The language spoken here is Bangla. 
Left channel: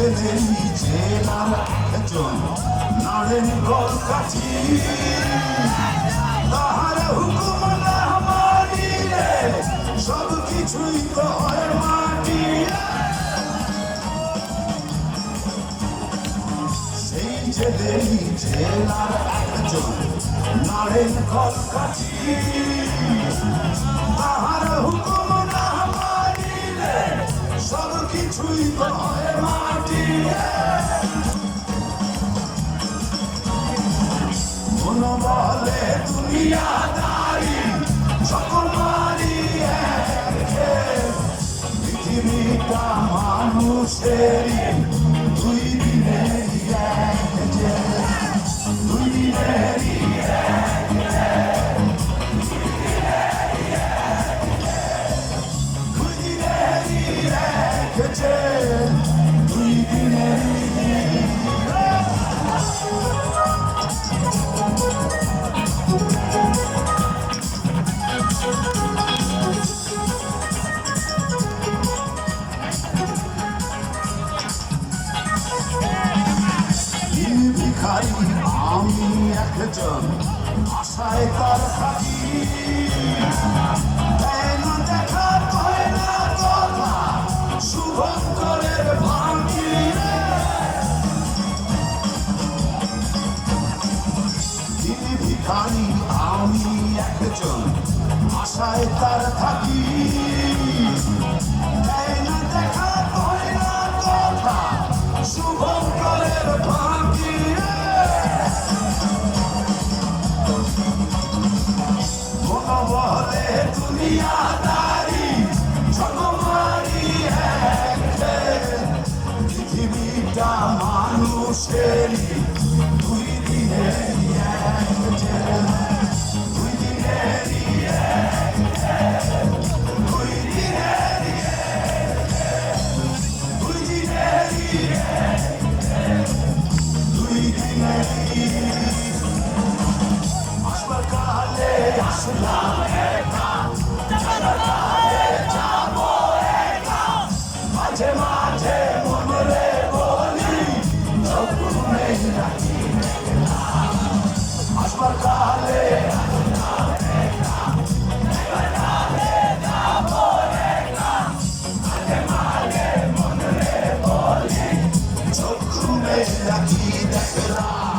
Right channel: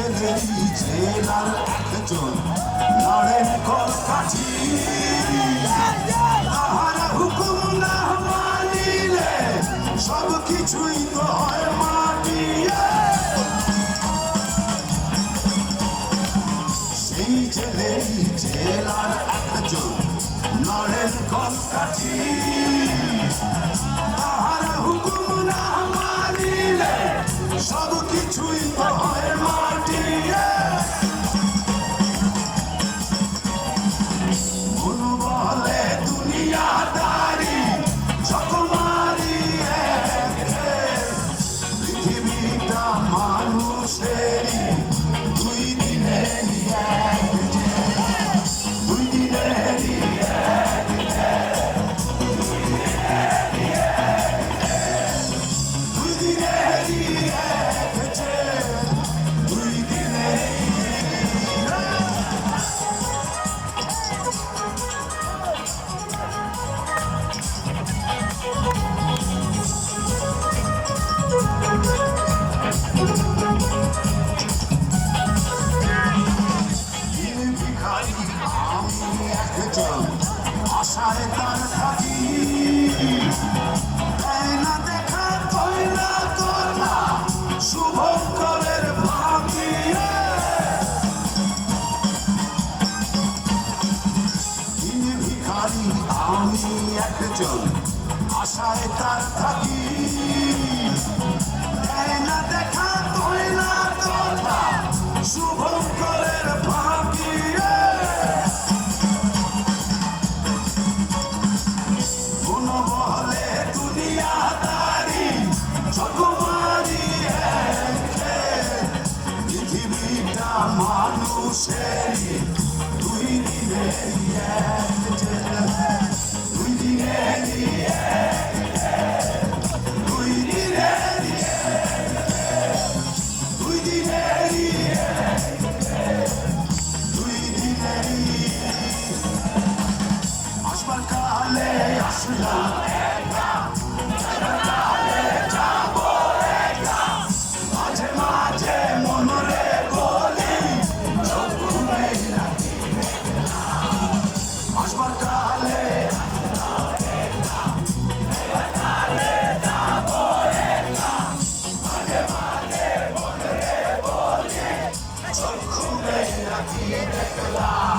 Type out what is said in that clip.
জেলার একজন নারেন কলকাঠি তাহার হুকুম না মানিলে সব কিছুই তো হয় মাটি সেই জেলার একজন নারেন কলকাঠি তাহার হুকুম না মানিলে সব কিছুই তো হয় মাটি মন বলে দুনিয়াদারি সকমারি পৃথিবীটা মানুষেরই দুই দিনেরই এক দুই দিনেরই দুই দিনেরই এক দুই দিনেরই আমি একজন আশায় তার থাকি না দেখা কয় না কথা শুভঙ্করের ভাঙি তিনি ভিখারি আমি একজন আশায় তার থাকি না দেখা কয় না কথা শুভঙ্করের ভাঙি দুনিয়াদারি সকমারি পৃথিবীটা মানুষেরই দুই দিনেরই এক দুই দিনেরই এক দুই দিনেরই দুই দিনেরই দুই দিনেরই আসবার কালে আসলাম মাঝে মাঝে মনরে বলি আসবার কালে চক্ষু মেয়ে রাখি দেখলাম